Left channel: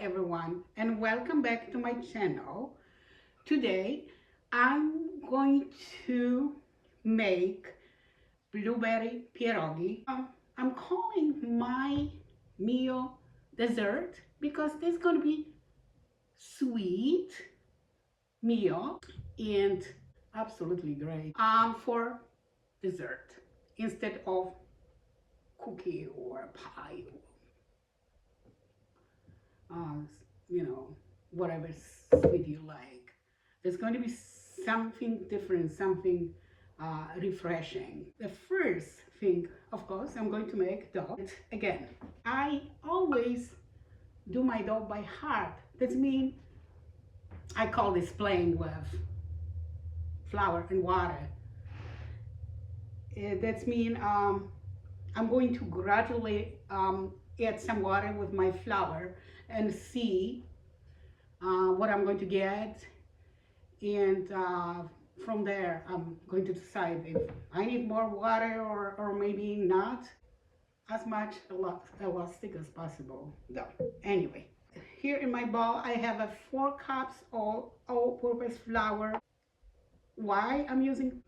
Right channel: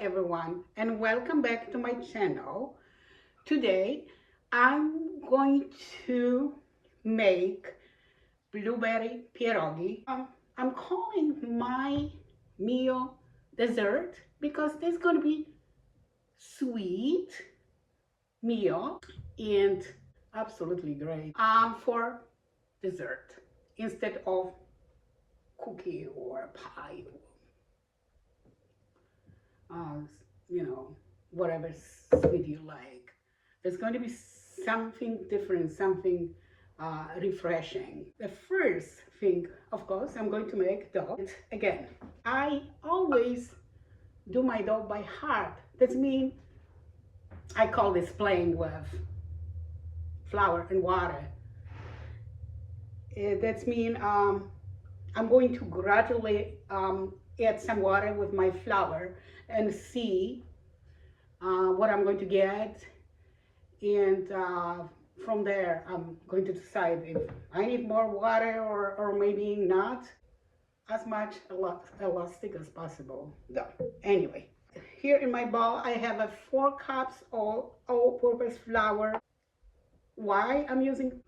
everyone, and welcome back to my channel. Today I'm going to make blueberry pierogi. I'm calling my meal dessert because there's going to be sweet meal and absolutely great for dessert instead of cookie or pie, uh, whatever sweet you like. There's going to be something different, something refreshing. The first thing, of course, I'm going to make dough. Again, I always do my dough by heart. That means I call this playing with flour and water. That means I'm going to gradually add some water with my flour and see what I'm going to get, and from there I'm going to decide if I need more water or maybe not. As much elastic as possible though. Anyway, here in my bowl I have 4 cups of all-purpose flour. Why I'm using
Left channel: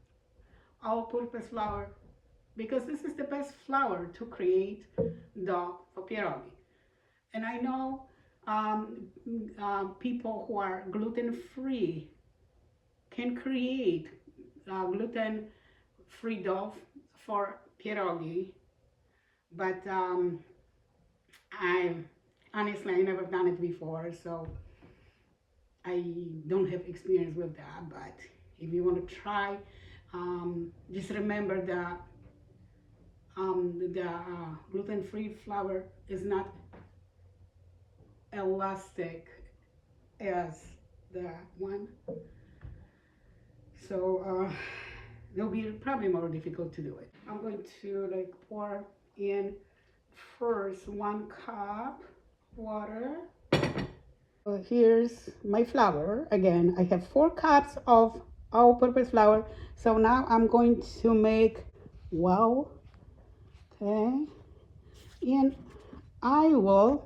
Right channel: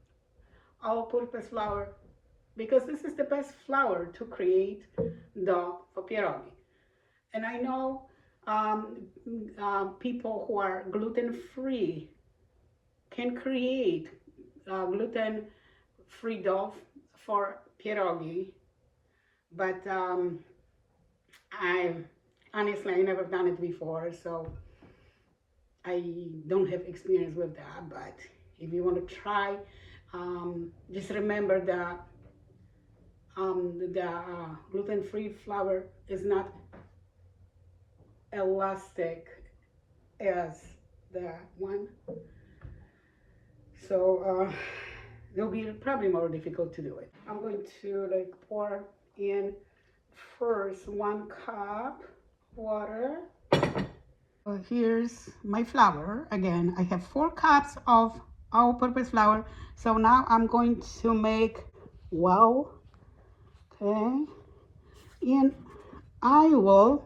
all-purpose flour? Because this is the best flour to create dough for pierogi. And I know people who are gluten-free can create gluten-free dough for pierogi, but I honestly never done it before, so I don't have experience with that. But if you want to try, just remember that the gluten-free flour is not elastic as the one, so it'll be probably more difficult to do it. I'm going to pour in first 1 cup water. Here's my flour. Again, I have 4 cups of all-purpose flour. So now I'm going to make okay, and I will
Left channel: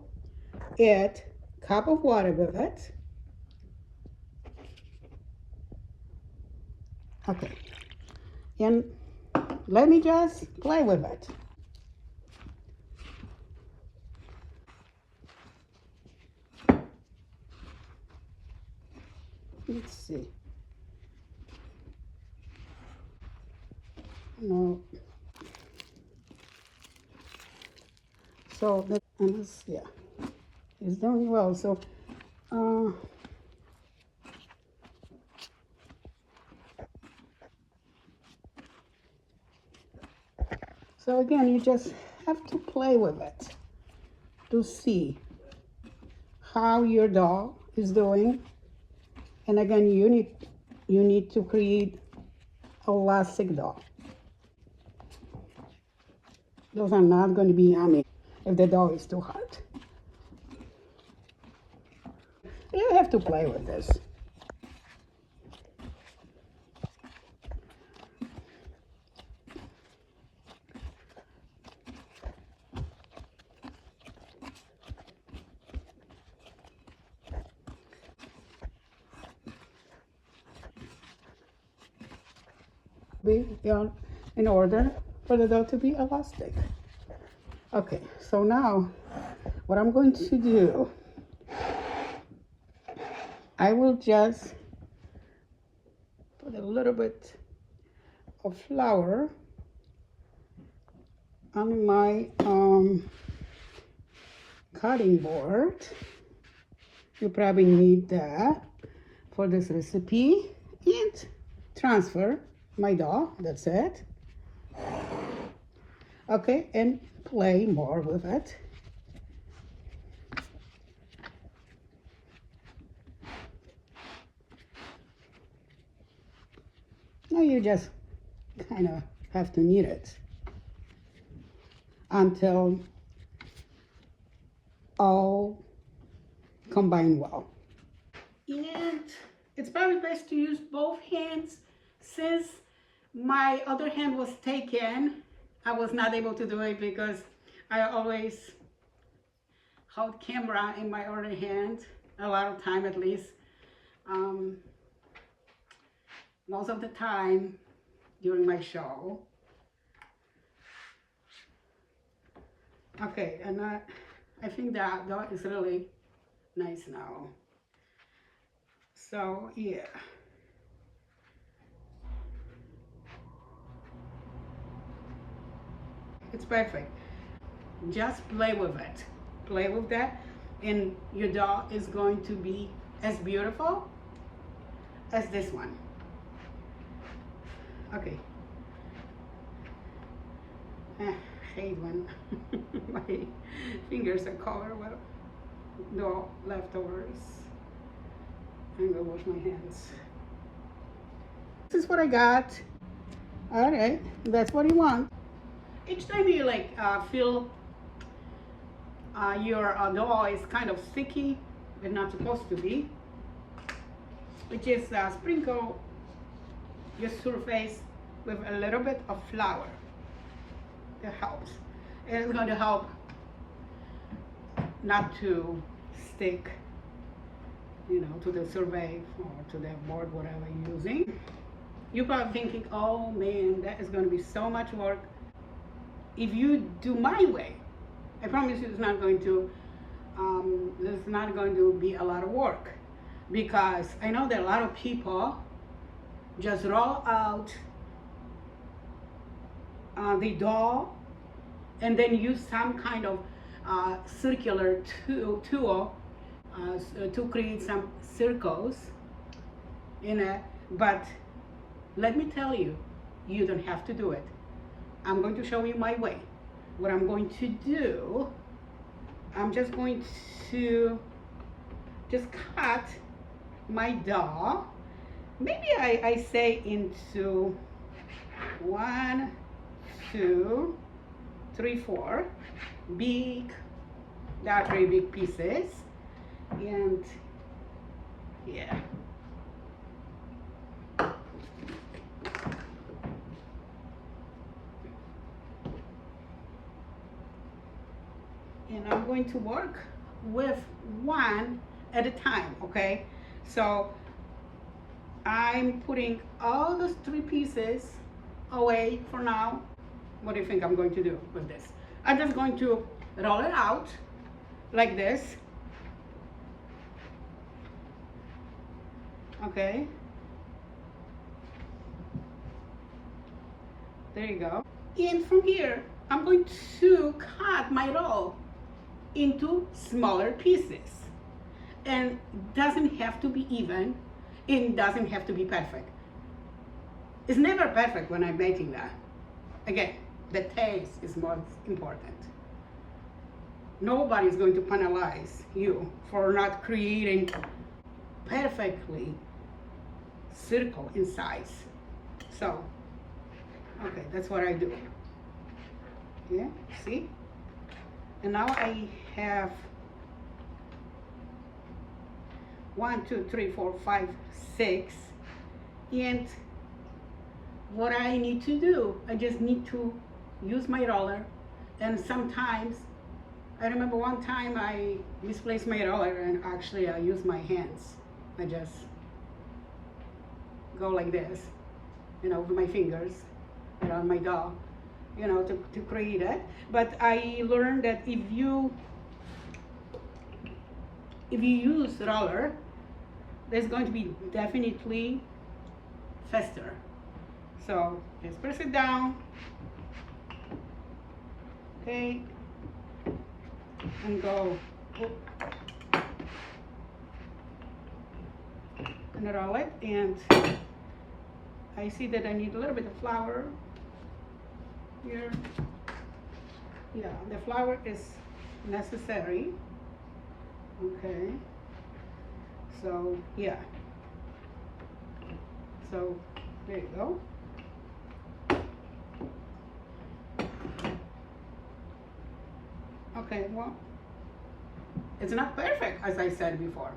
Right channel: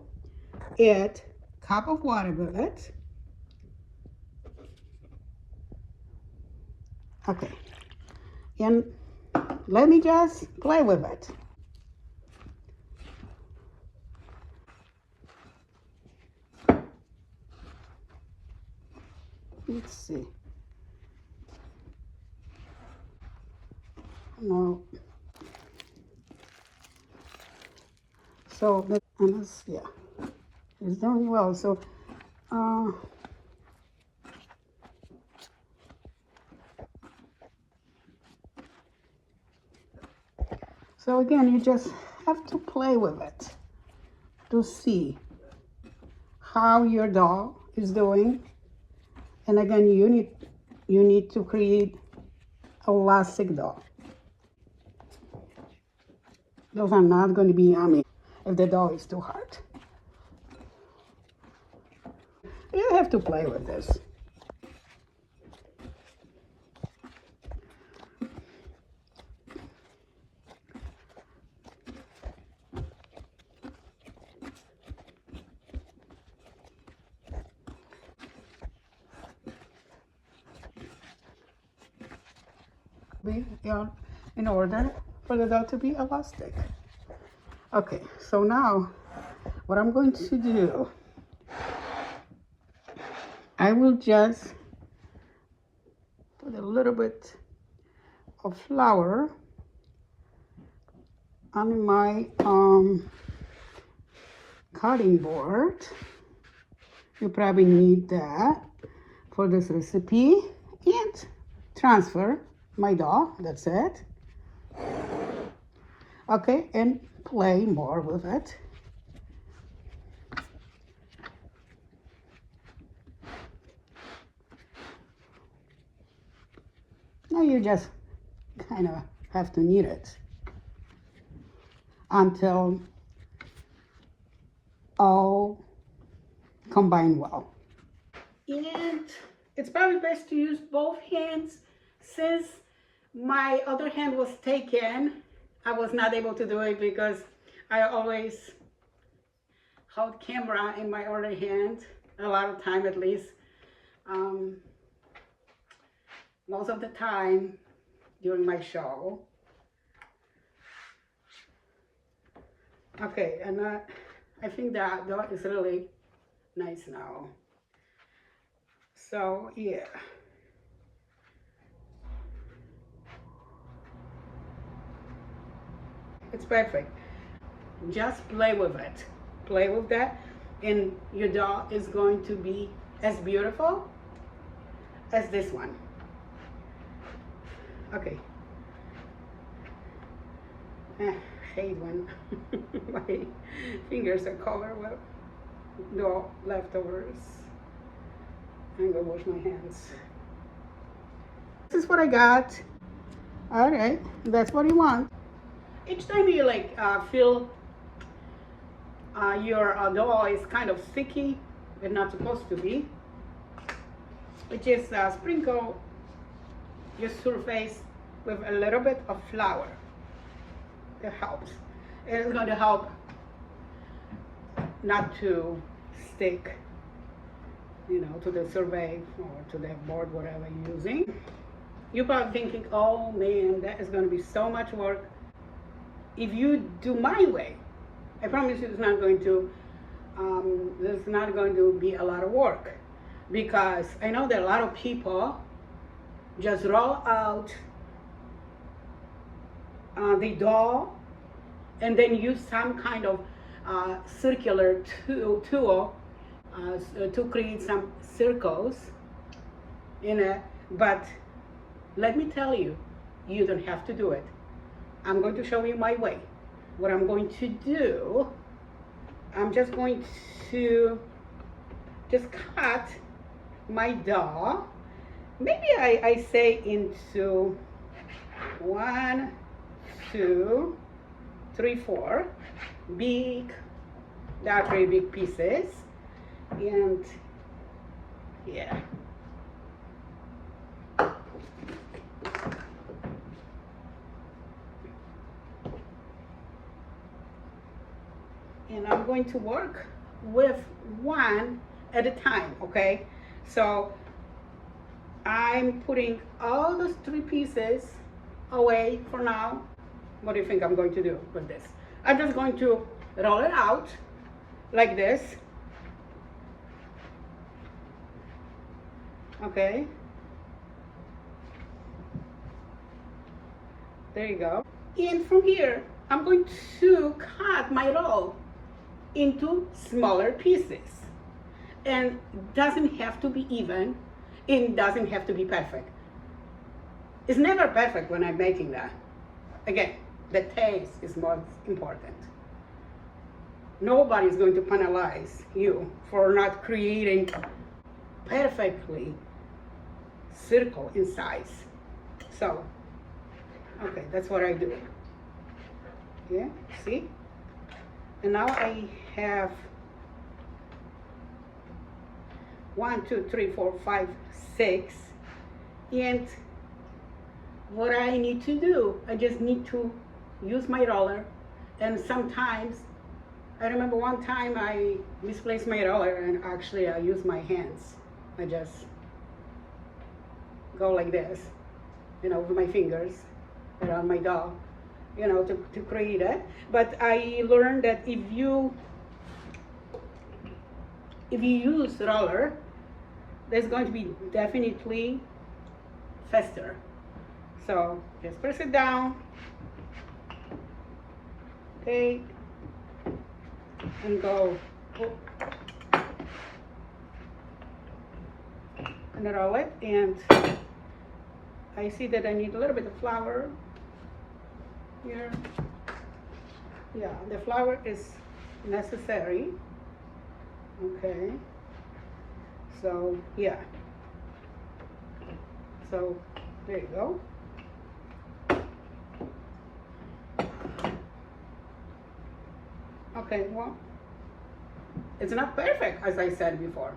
add a cup of water with it. Okay, and let me just play with it. Let's see. No. So yeah, it's doing well. So so again, you just have to play with it to see how your dough is doing. And again, you need to create elastic dough. Those are not going to be yummy if the dough is too hard. You have to play with this. Be in order for the dough to be elastic. Okay, so now what I'm going to do, I will just put a little bit of flour on my cutting board. You probably need that for this recipe, and transfer my dough. That's it. Okay, and play more with it. Now you just kind of have to knead it until all combine well. And it's probably best to use both hands. Since my other hand was taken, I was not able to do it because I always hold camera in my other hand a lot of time, at least most of the time during my show. Okay, and I think that is really nice now. So yeah, it's perfect. Just play with it. Play with that, and your doll is going to be as beautiful as this one. Okay. I hate when my fingers are covered with doll leftovers. I'm gonna wash my hands. This is what I got. All right, that's what you want. Each time you like feel your dough is kind of sticky, but not supposed to be, which is sprinkle your surface with a little bit of flour. It helps. It's going to help not to stick, you know, to the survey or to the board, whatever you're using. You're probably thinking, oh man, that is going to be so much work. If you do my way, I promise you it's not going to be a lot of work, because I know that a lot of people just roll out the dough and then use some kind of circular tool to create some circles in it. But let me tell you, you don't have to do it. I'm going to show you my way. What I'm going to do, I'm just going to cut my dough. Maybe I say into 1, 2, 3, 4 big, not very big pieces, and yeah. And I'm going to work with one at a time, okay? So I'm putting all those 3 pieces away for now. What do you think I'm going to do with this? I'm just going to roll it out like this. Okay. There you go. And from here, I'm going to cut my roll into smaller pieces. And it doesn't have to be even. It doesn't have to be perfect. It's never perfect when I'm making that. Again, the taste is most important. Nobody is going to penalize you for not creating perfectly circle in size. So, okay, that's what I do. Yeah, see? And now I have 1, 2, 3, 4, 5, 6. And what I need to do, I just need to use my roller. And sometimes, I remember one time I misplaced my roller and actually I used my hands. I just go like this, you know, with my fingers around my dough, you know, to create it. But I learned that if you use roller, there's going to be definitely faster. So just press it down, okay, and go and roll it. And I see that I need a little bit of flour here. Yeah, the flour is necessary. Okay, so yeah, so there you go. Okay, well, it's not perfect, as I said before,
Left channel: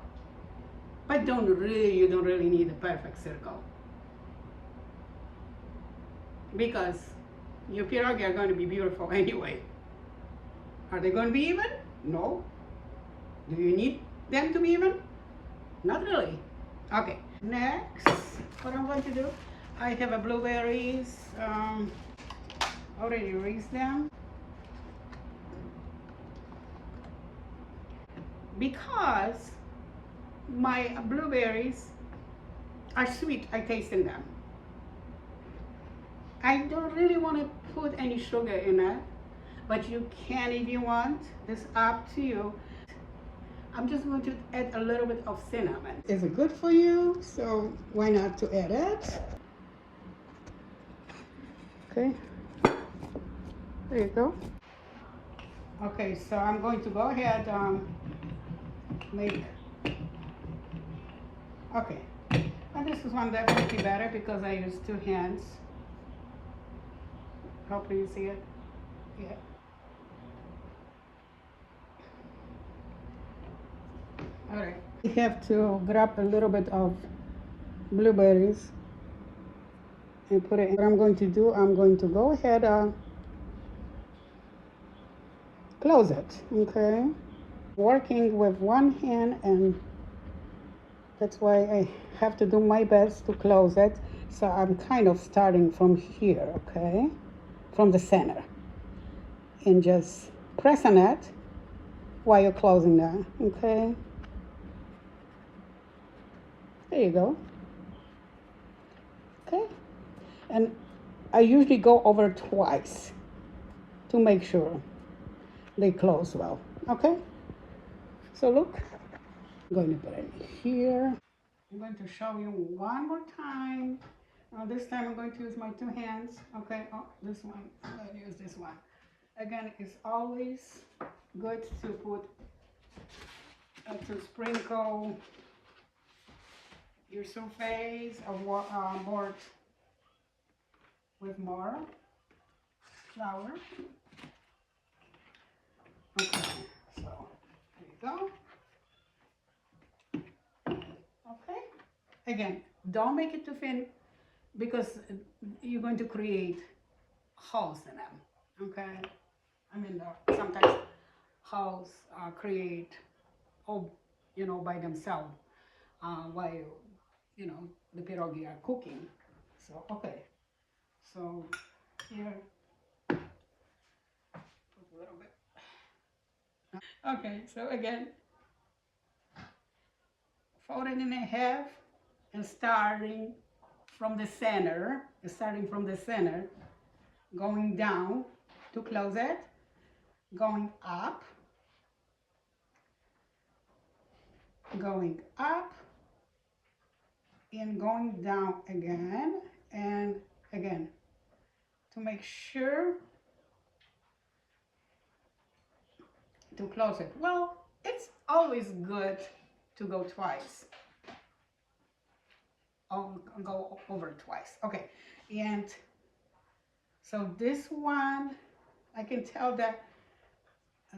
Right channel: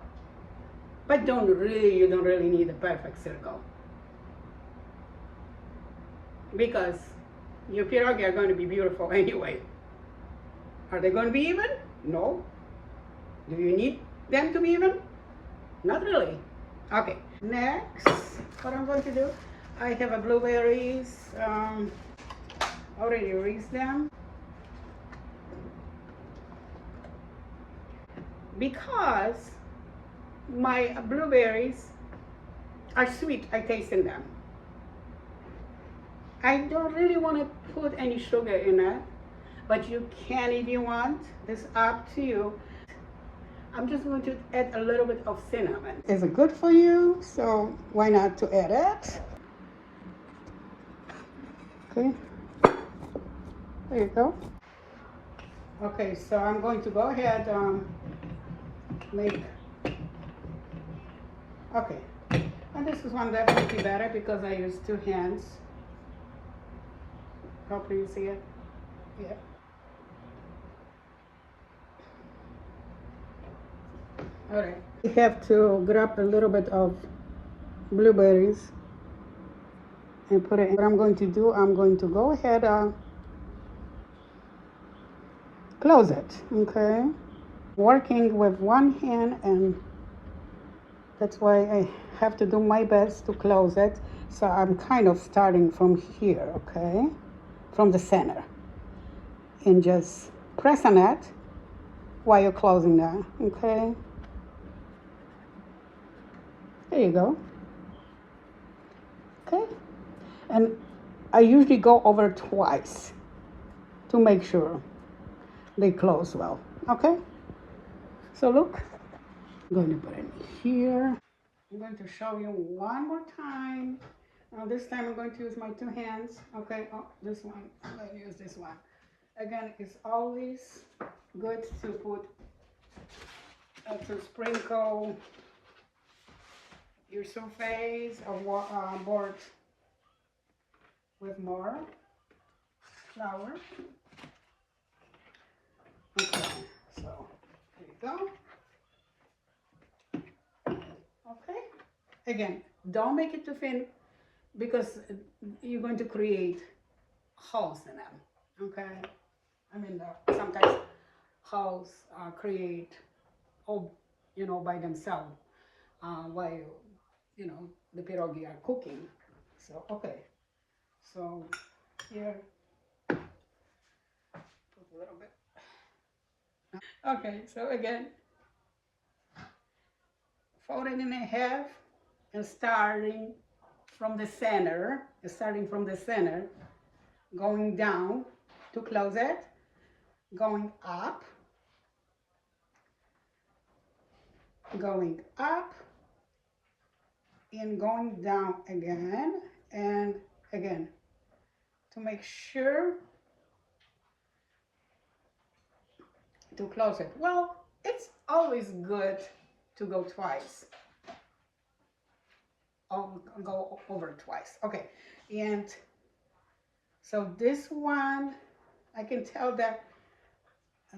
but you don't really need a perfect circle, because your pierogi are going to be beautiful anyway. Are they going to be even? No. Do you need them to be even? Not really. Okay, next, what I'm going to do, I have a blueberries, already raised them. Because my blueberries are sweet, I tasted them. I don't really want to put any sugar in it, but you can if you want. It's up to you. I'm just going to add a little bit of cinnamon. It's good for you, so why not to add it? Okay, there you go. Okay, so I'm going to go ahead make. Okay, and this is one definitely better because I use two hands. Hopefully you see it. Yeah. All right. We have to grab a little bit of blueberries and put it in. What I'm going to do, I'm going to go ahead and close it, okay? Working with one hand, and that's why I have to do my best to close it. So I'm kind of starting from here, okay? From the center. And just press on it while you're closing that, okay? There you go. Okay. And I usually go over twice to make sure they close well, okay? So look, I'm going to put it here. I'm going to show you one more time. This time I'm going to use my two hands. Okay, oh, this one, I'm going to use this one. Again, it's always good to put, to sprinkle your surface of board with more flour. Okay, so there you go. Okay, again, don't make it too thin because you're going to create holes in them. Okay, I mean sometimes holes create all, you know, by themselves while the pierogi are cooking. So okay, so here put a little bit. Okay, so again, fold it in half and starting from the center, going down to close it, going up, and going down again, and again, to make sure to close it. Well, it's always good to go twice. I'll go over twice. Okay, and so this one, I can tell that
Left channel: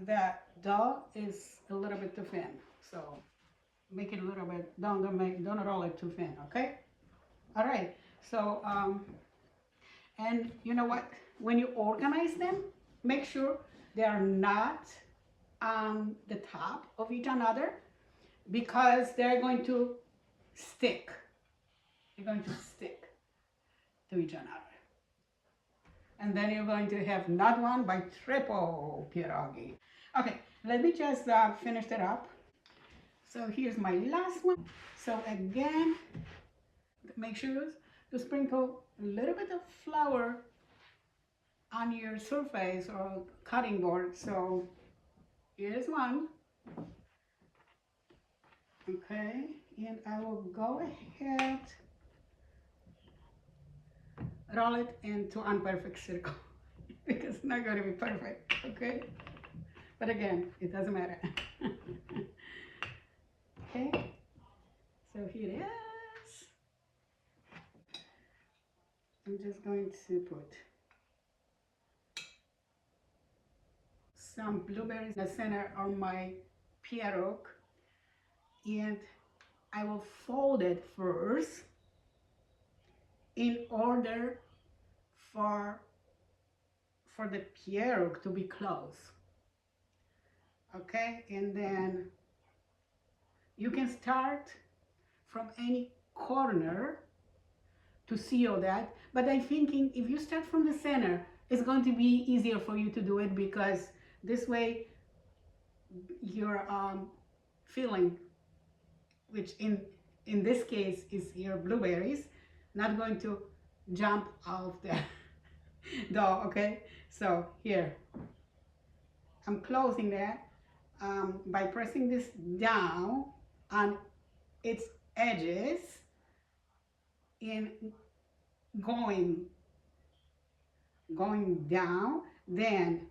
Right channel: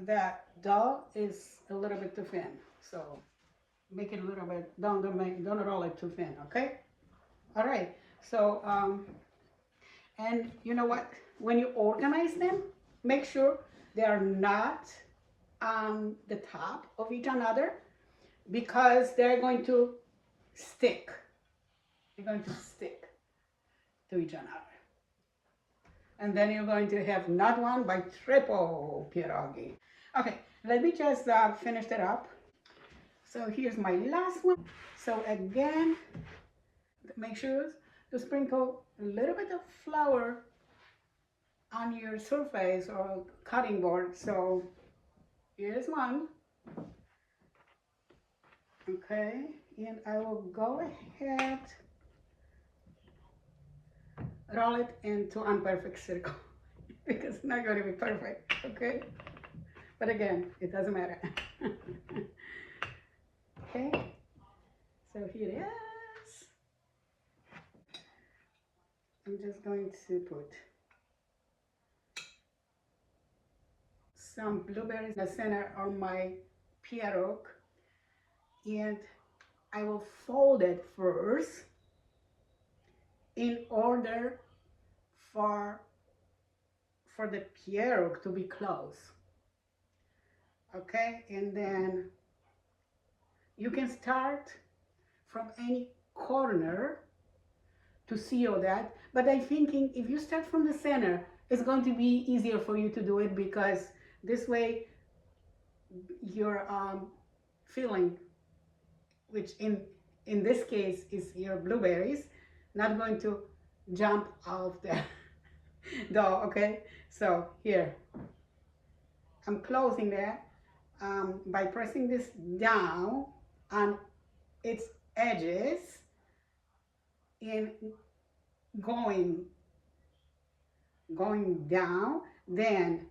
that dough is a little bit too thin. So make it a little bit, don't roll it too thin, okay? All right, so, and you know what? When you organize them, make sure they are not on the top of each another because they're going to stick. They're going to stick to each other. And then you're going to have not one, but triple pierogi. Okay, let me just finish that up. So here's my last one. So again, make sure to sprinkle a little bit of flour on your surface or cutting board. So here's one. Okay, and I will go ahead, roll it into imperfect circle because it's not going to be perfect, okay? But again, it doesn't matter. Okay, so here it is. I'm just going to put some blueberries in the center of my pierogi, and I will fold it first in order for the pierogi to be close. Okay, and then You can start from any corner to seal that, but I'm thinking if you start from the center, it's going to be easier for you to do it, because this way your filling, which in this case is your blueberries, not going to jump out the dough. Okay, so here I'm closing that by pressing this down on its edges and going down. Then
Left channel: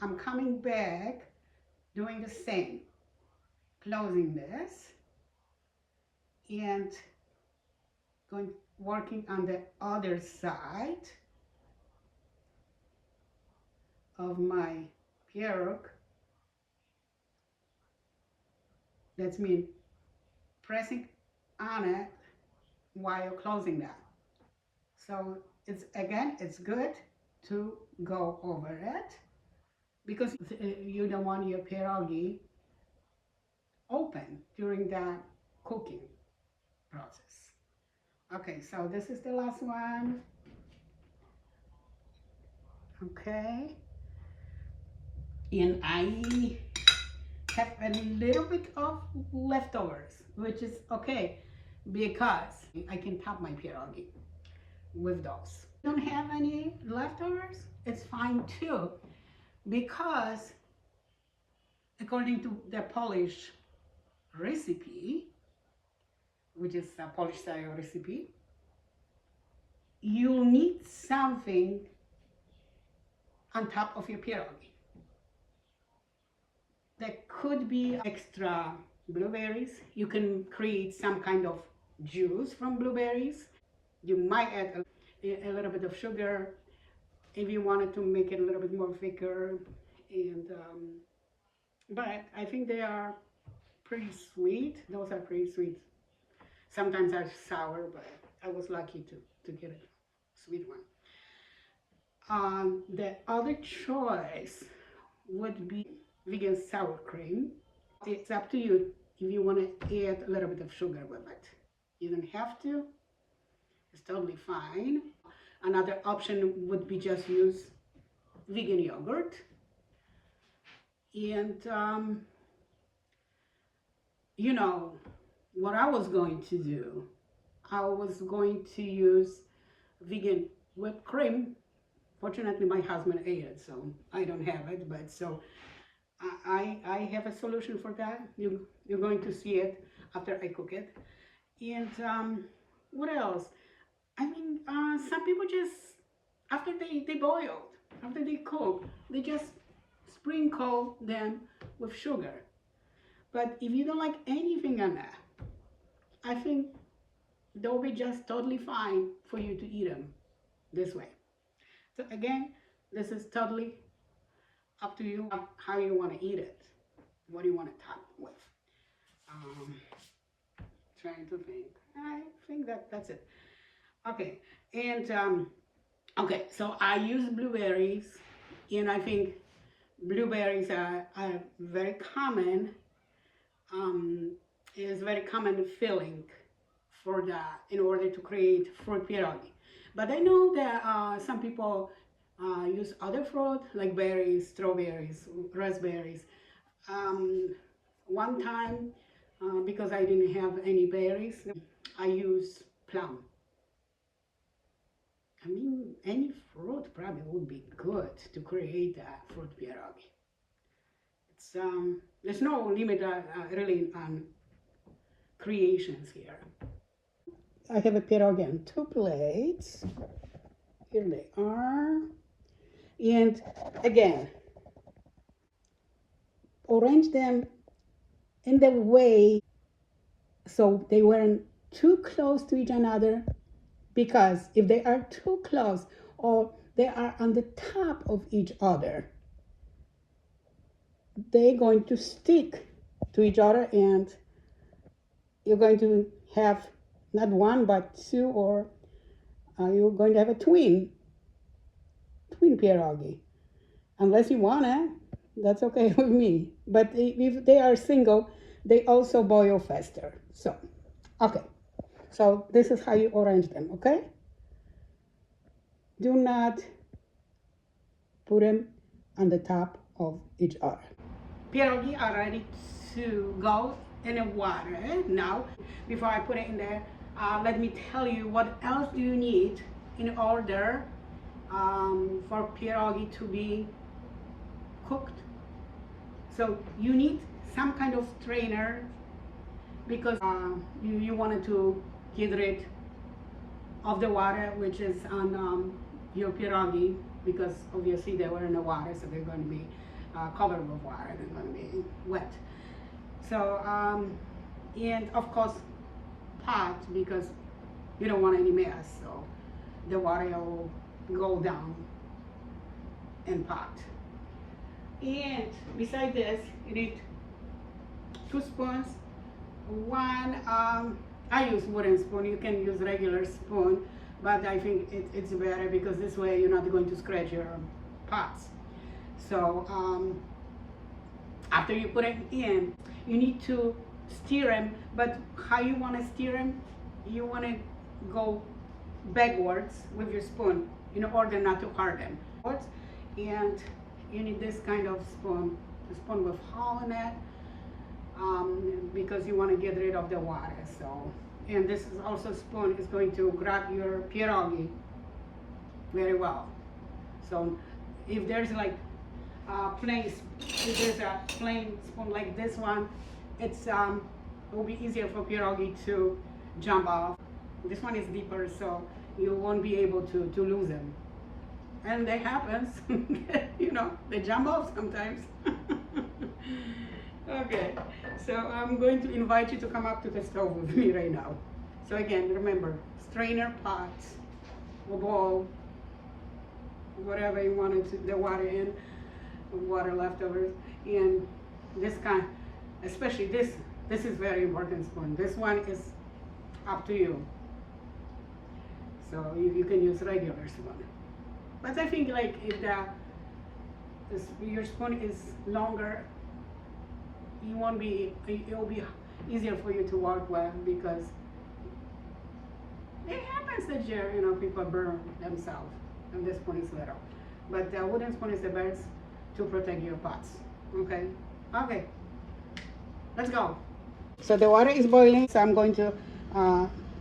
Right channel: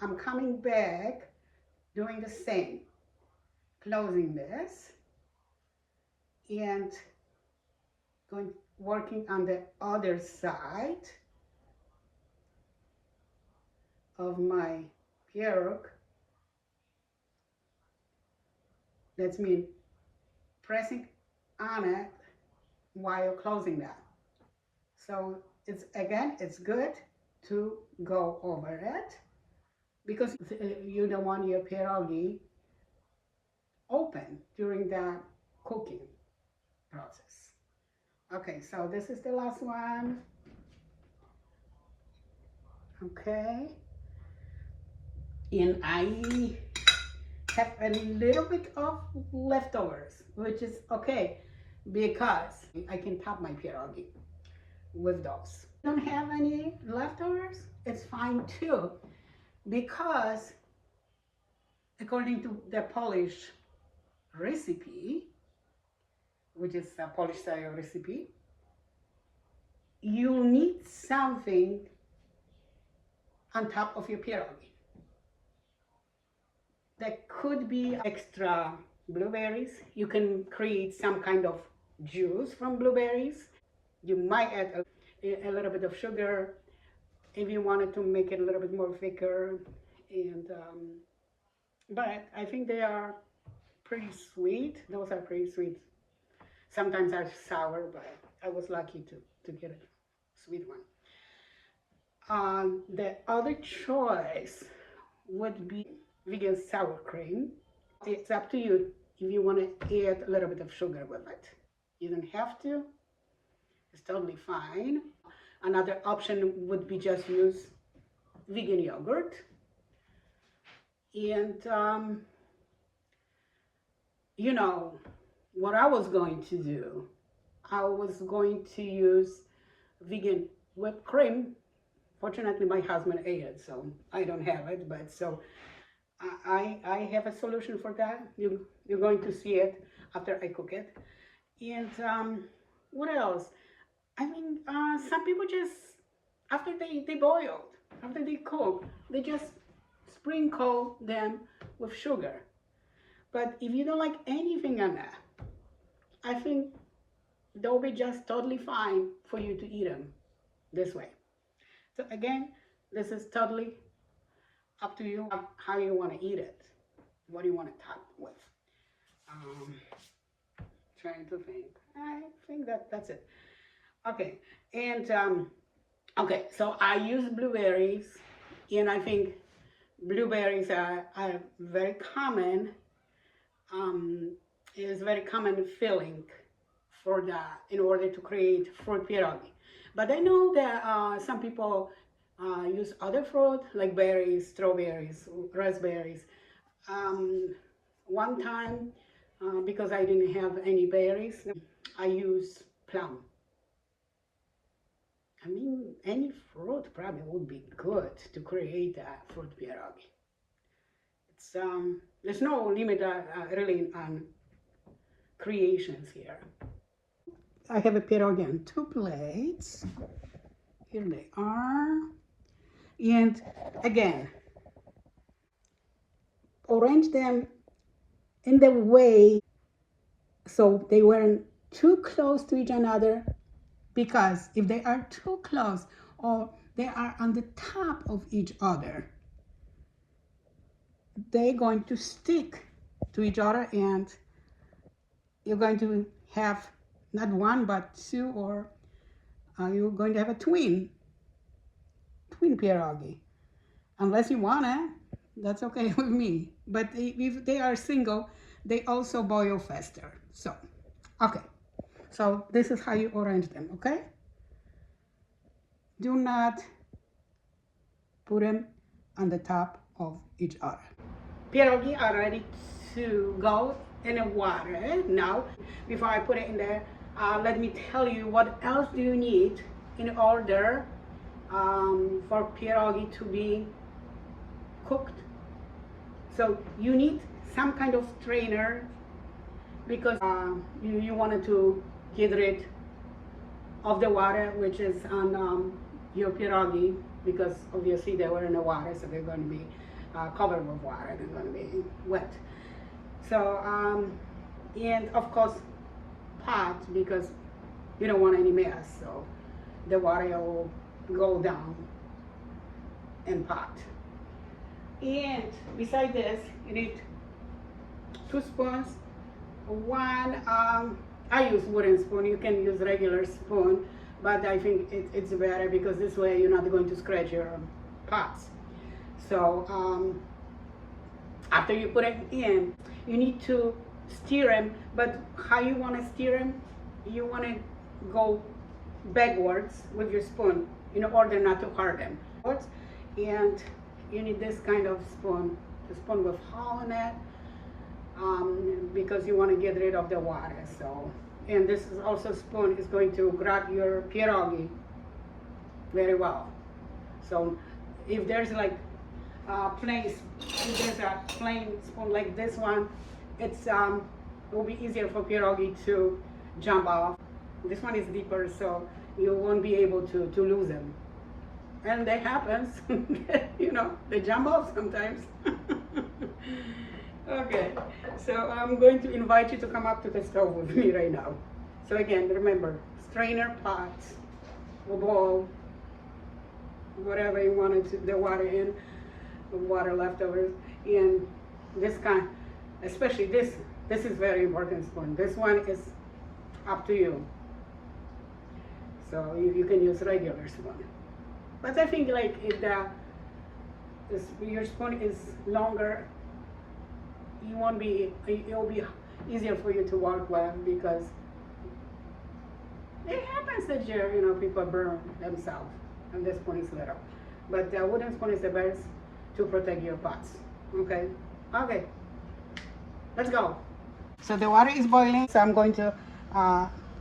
I'm coming back, doing the same, closing this and working on the other side of my pierogi. That's me pressing on it while closing that. So it's good to go over it, because you don't want your pierogi open during the cooking process. Okay, so this is the last one. Okay, and I have a little bit of leftovers, which is okay, because I can top my pierogi with those. Don't have any leftovers, it's fine too, because according to the Polish recipe, which is a Polish style recipe, you need something on top of your pierogi. That could be extra blueberries. You can create some kind of juice from blueberries. You might add a little bit of sugar if you wanted to make it a little bit more thicker. And but I think they are pretty sweet. Those are pretty sweet. Sometimes are sour, but I was lucky to get a sweet one. The other choice would be vegan sour cream. It's up to you if you want to add a little bit of sugar with it. You don't have to. It's totally fine. Another option would be just use vegan yogurt. And you know what I was going to do? I was going to use vegan whipped cream. Fortunately, my husband ate it, so I don't have it. But so I have a solution for that. You're going to see it after I cook it. And what else? I mean, some people just, after they boiled, after they cook, they just sprinkle them with sugar. But if you don't like anything on that, I think they'll be just totally fine for you to eat them this way. So again, this is totally up to you how you want to eat it. What do you want to top with? Trying to think. I think that's it. Okay, and okay, so I use blueberries, and I think blueberries are very common. It is very common filling for that in order to create fruit pierogi. But I know that some people use other fruit like berries, strawberries, raspberries. One time, because I didn't have any berries, I used plum. I mean, any fruit probably would be good to create a fruit pierogi. It's there's no limit really on creations here. I have a pierogi on 2 plates. Here they are. And again, arrange them in the way so they weren't too close to each other, because if they are too close or they are on the top of each other, they're going to stick to each other, and you're going to have not one but two, or you're going to have a twin pierogi. Unless you want it, that's okay with me. But if they are single, they also boil faster. So, okay. So this is how you arrange them, okay? Do not put them on the top of each other. Pierogi are ready to go in the water. Now, before I put it in there, let me tell you what else do you need in order for pierogi to be cooked. So you need some kind of strainer because you wanted to get rid of the water which is on your pierogi, because obviously they were in the water, so they're going to be covered with water, they're going to be wet. So and of course pot, because you don't want any mess, so the water will go down in pot. And beside this, you need 2 spoons. One, I use wooden spoon. You can use regular spoon, but I think it's better because this way you're not going to scratch your pots. So after you put it in, you need to stir them. But how you want to stir them? You want to go backwards with your spoon in order not to hurt them. And you need this kind of spoon, a spoon with hole in it, because you want to get rid of the water. So, and this is also spoon is going to grab your pierogi very well. So if there's like if there's a plain spoon like this one, it will be easier for pierogi to jump off. This one is deeper, so you won't be able to lose them. And that happens, you know, they jump off sometimes. Okay, so I'm going to invite you to come up to the stove with me right now. So again, remember, strainer, pot, or bowl, whatever you wanted to, the water in, water leftovers, and this kind, especially this is very important spoon. This one is up to you. So you can use regular spoon. But I think like if your spoon is longer, it'll be easier for you to work with, because it happens that people burn themselves and this spoon is little. But the wooden spoon is the best to protect your pots. Okay? Okay. Let's go. So the water is boiling, so I'm going to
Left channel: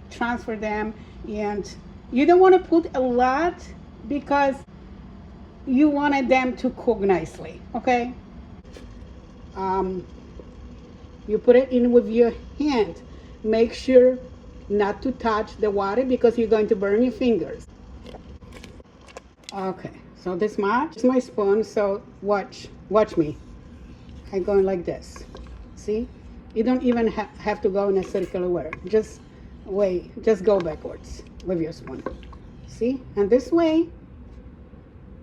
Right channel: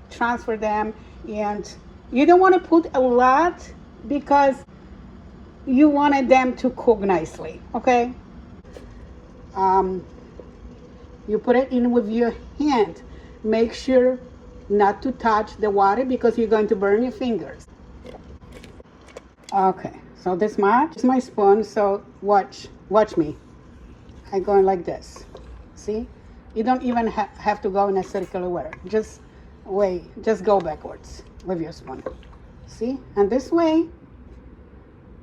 transfer them, and you don't want to put a lot because you wanted them to cook nicely, okay? You put it in with your hand. Make sure not to touch the water because you're going to burn your fingers. Okay, so this much is my spoon, so watch me. I go in like this, see? You don't even have to go in a circular way. Just go backwards with your spoon. See? And this way,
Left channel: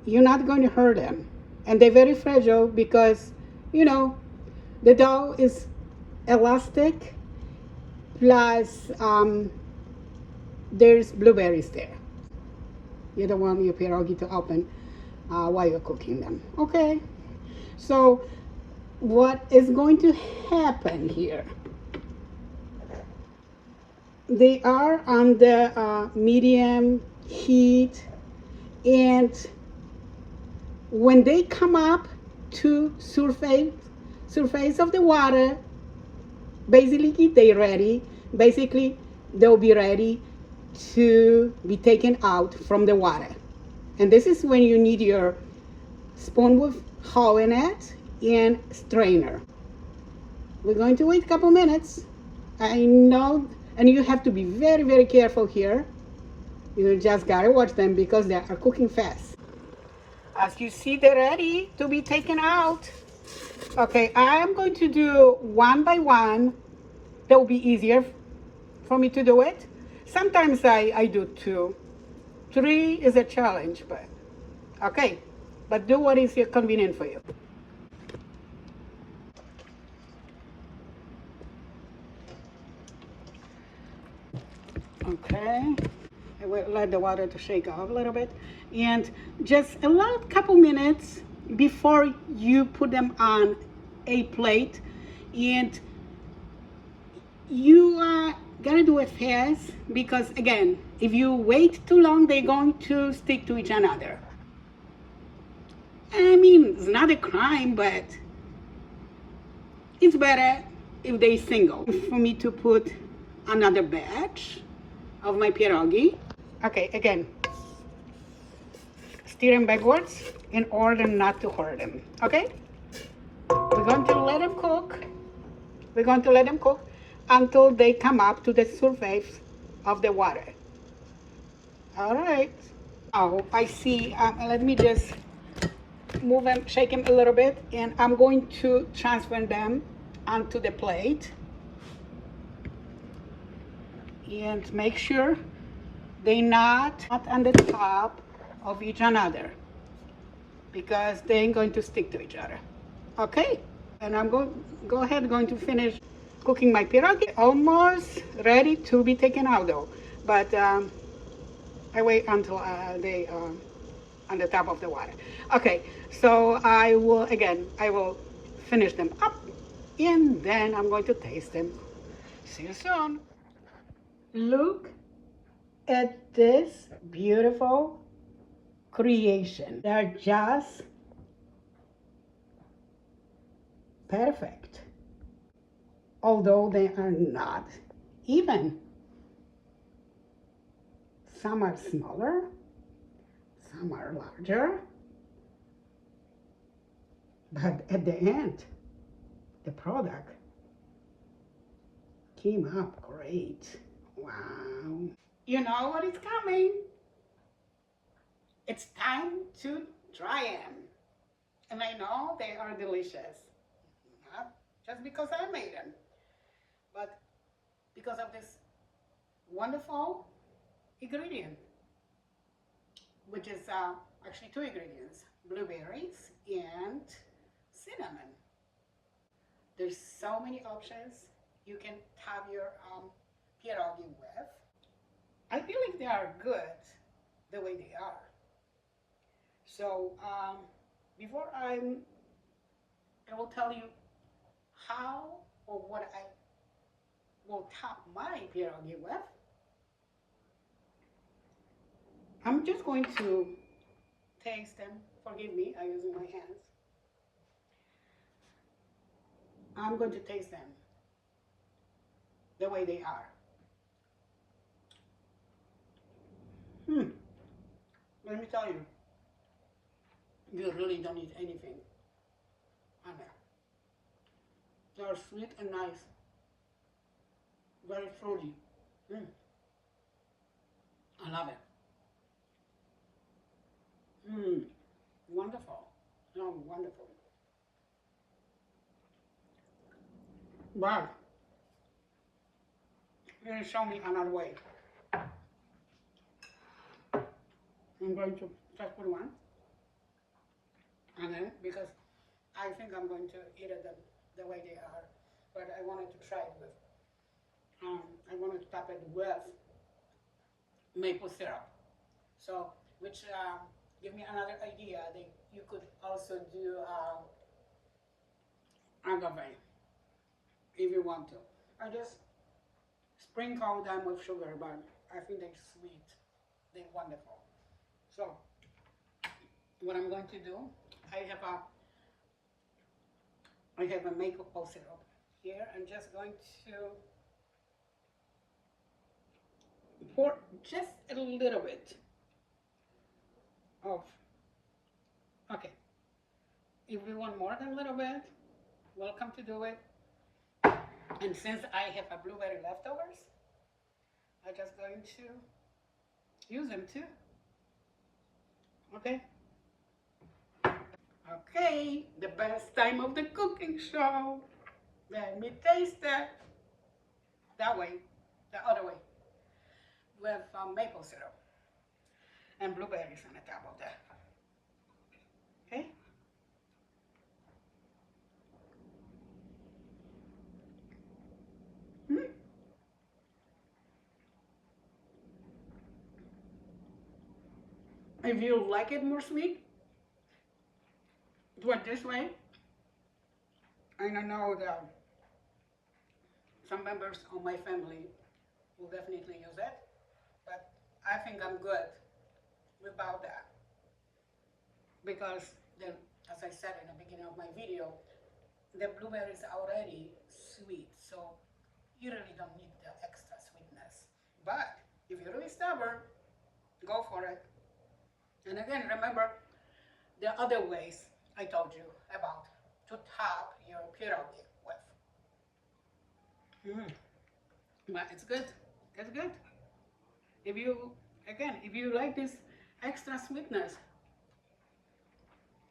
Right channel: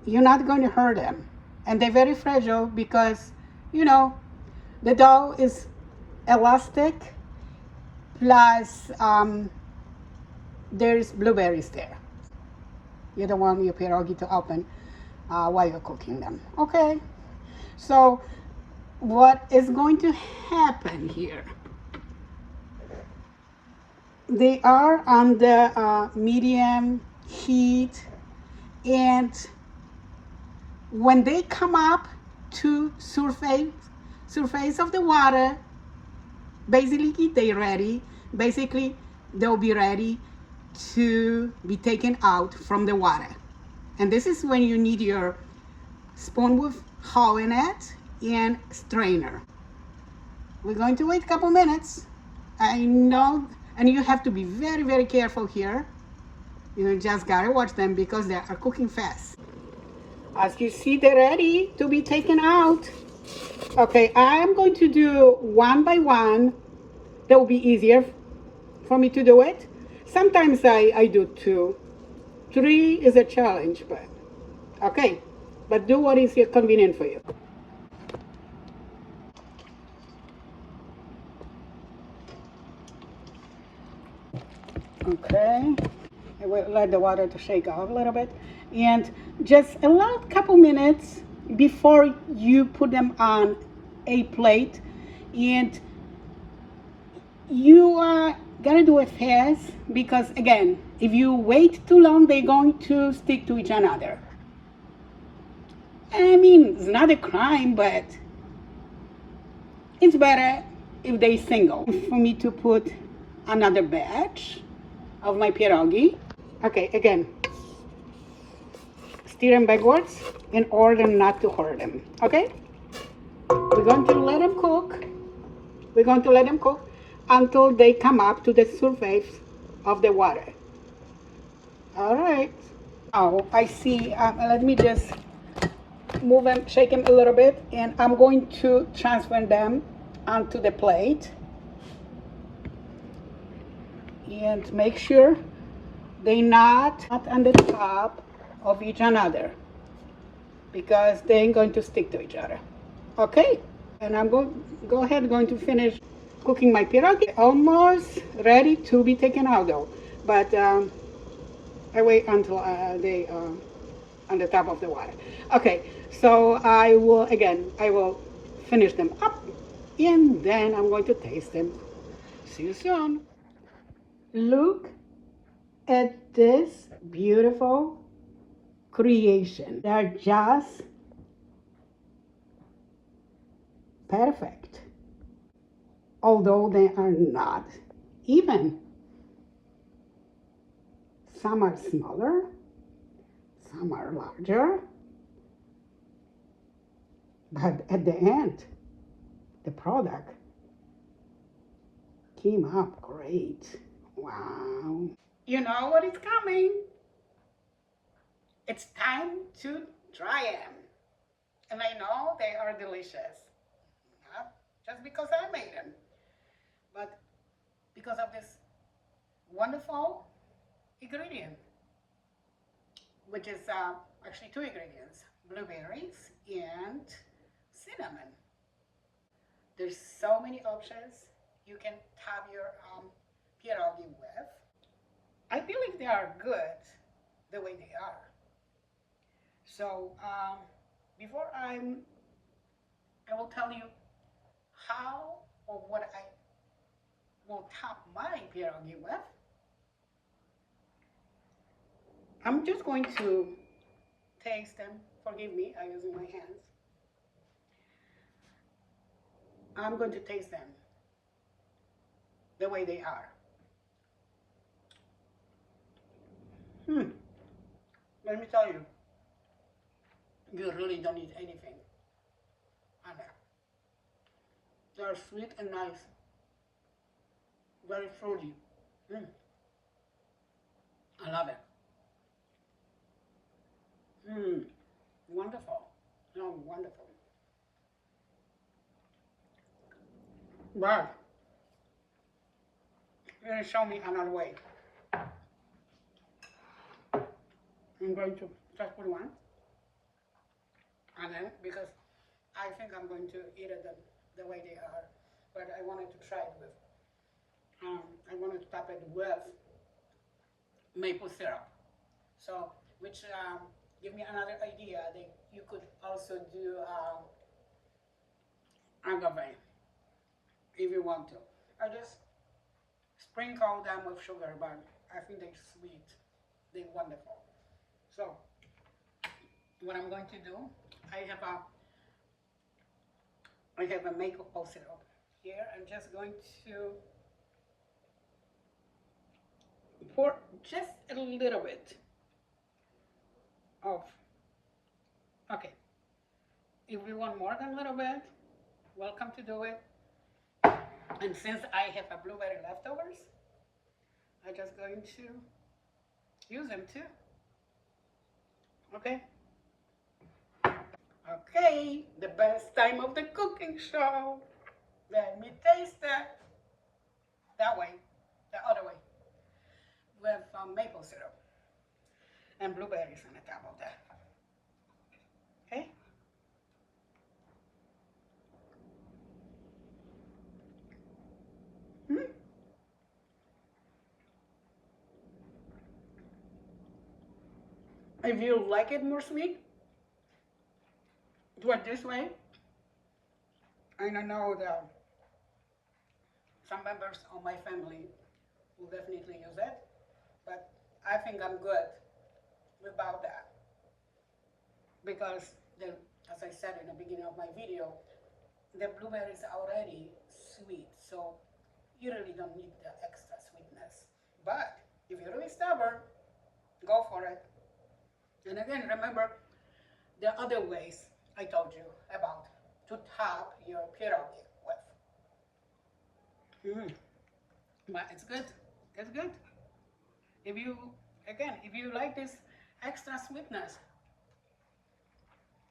you're not going to hurt them. And they're very fragile because, the dough is elastic, plus there's blueberries there. You don't want your pierogi to open while you're cooking them. Okay? So, what is going to happen here? They are on the medium heat, and when they come up to surface of the water, basically they're ready. Basically, they'll be ready to be taken out from the water. And this is when you need your spoon with hole in it and strainer. We're going to wait a couple minutes. I know, and you have to be very, very careful here. You just gotta watch them because they are cooking fast. As you see, they're ready to be taken out. Okay, I'm going to do one by one. That will be easier for me to do it. Sometimes I do 2. 3 is a challenge, but okay. But do what is convenient for you. Okay, I will let the water to shake off a little bit, and just allow a couple minutes before you put them on a plate, and You gotta do it fast because again, if you wait too long, they're going to stick to each another. I mean, it's not a crime, but it's better if they single. For me to put another batch of my pierogi. Okay, again, stir them backwards in order not to hurt them. Okay? We're going to let them cook. We're going to let them cook until they come up to the surface of the water. All right. Oh, I see. Let me just move them, shake them a little bit, and I'm going to transfer them onto the plate. And make sure they're not on the top of each another because they ain't going to stick to each other. Okay? And I'm going to finish cooking my pierogi. Almost ready to be taken out though. But I wait until they on the top of the water. Okay, so I will finish them up and then I'm going to taste them. See you soon. Look at this beautiful creation. They're just perfect. Although they are not even. Some are smaller, some are larger. But at the end, the product came up great. Wow. You know what is coming. It's time to try them. And I know they are delicious. Not just because I made them, but because of this wonderful ingredient, which is actually two ingredients, blueberries and cinnamon. There's so many options you can top your pierogi with. I believe they are good the way they are. So before I will tell you how or what I will top my pierogi with. I'm just going to taste them. Forgive me, I'm using my hands. I'm going to taste them the way they are. Let me tell you, you really don't need anything on there. They're sweet and nice, very fruity. I love it. Wonderful. No, wonderful. But you're going to show me another way. I'm going to just put one. And then, because I think I'm going to eat it the way they are, but I wanted to try it with, I wanted to top it with maple syrup. So, which give me another idea that you could also do agave if you want to. I just sprinkle them with sugar, but I think they're sweet. They're wonderful. So, what I'm going to do, I have a maple syrup here. I'm just going to pour just a little bit of, okay. If you want more than a little bit, welcome to do it. And since I have a blueberry leftovers, I'm just going to use them too. Okay? Okay, the best time of the cooking show. Let me taste it. That way, the other way, with maple syrup and blueberries on the top of that. Okay? If you like it more sweet, do it this way. I don't know Some members of my family will definitely use it, but I think I'm good without that because as I said in the beginning of my video, the blueberries are already sweet, so you really don't need the extra sweetness. But if you're really stubborn, go for it. And again, remember the other ways I told you about to top your pierogi with. But it's good. It's good. If you, again, if you like this extra sweetness,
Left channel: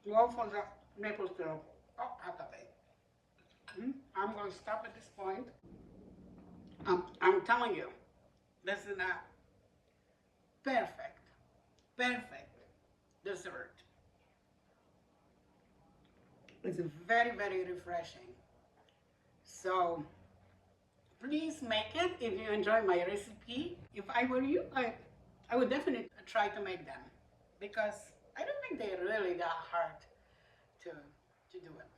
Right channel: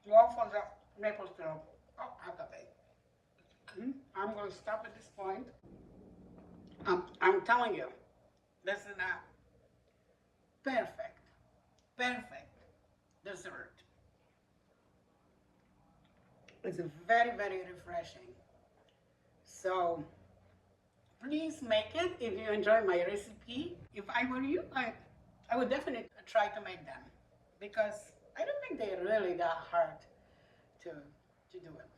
go for the maple syrup. Oh, agave. I'm going to stop at this point. I'm telling you, this is a perfect dessert. It's very, very refreshing. So please make it if you enjoy my recipe. If I were you, I would definitely try to make them because I don't think they're really that hard to do it.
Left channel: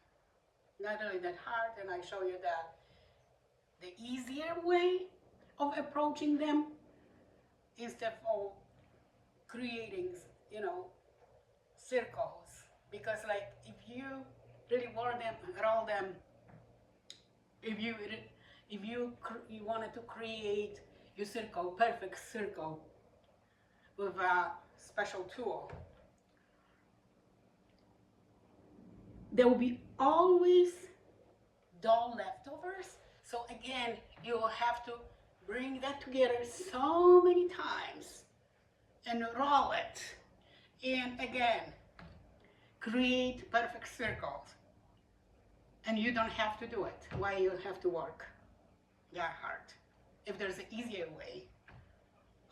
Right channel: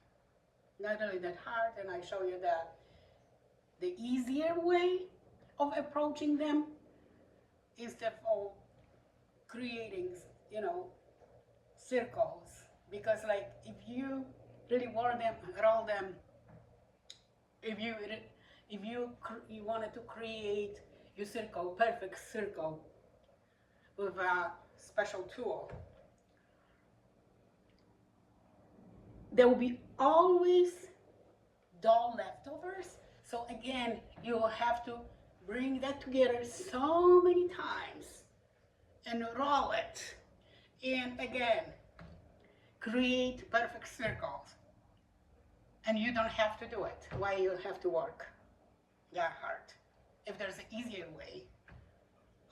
Not really that hard, and I show you that the easier way of approaching them instead of creating, circles. Because like if you really want them, roll them, if you wanted to create your circle, perfect circle with a special tool, there will be always dough leftovers. So again, you will have to bring that together so many times and roll it. And again, create perfect circles. And you don't have to do it. Why you have to work that hard? If there's an easier way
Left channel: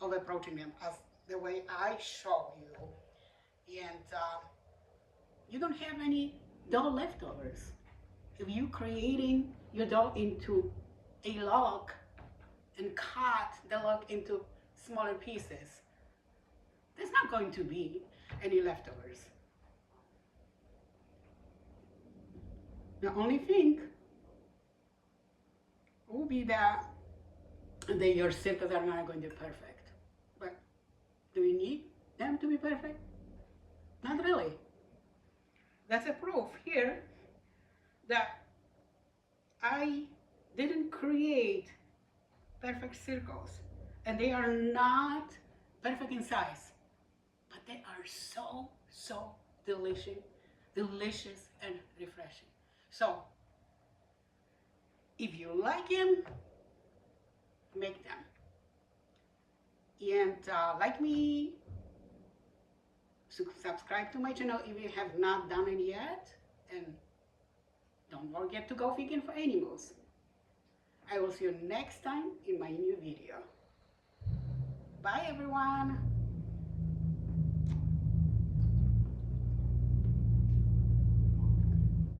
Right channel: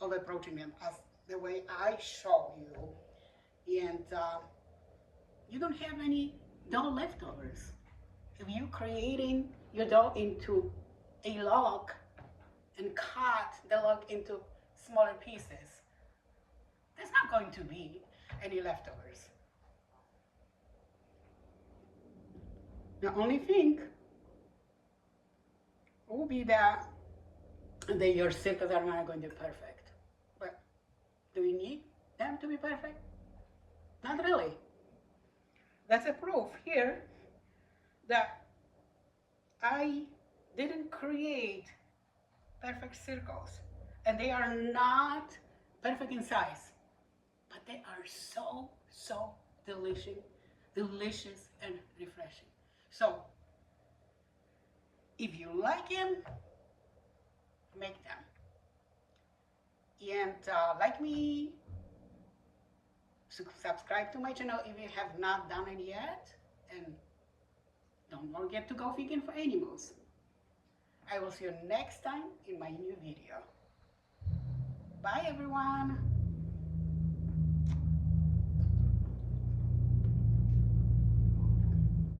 of approaching them, as the way I show you, and you don't have any dough leftovers. If you creating your dough into a log and cut the log into smaller pieces, there's not going to be any leftovers. The only thing will be that your circles are not going to be perfect. But do we need them to be perfect? Not really. That's a proof here that I didn't create perfect circles, and they are not perfect in size, but they are so delicious and refreshing. So if you like them, make them. And like me, subscribe to my channel if you have not done it yet, and don't forget to go vegan for animals. I will see you next time in my new video. Bye everyone.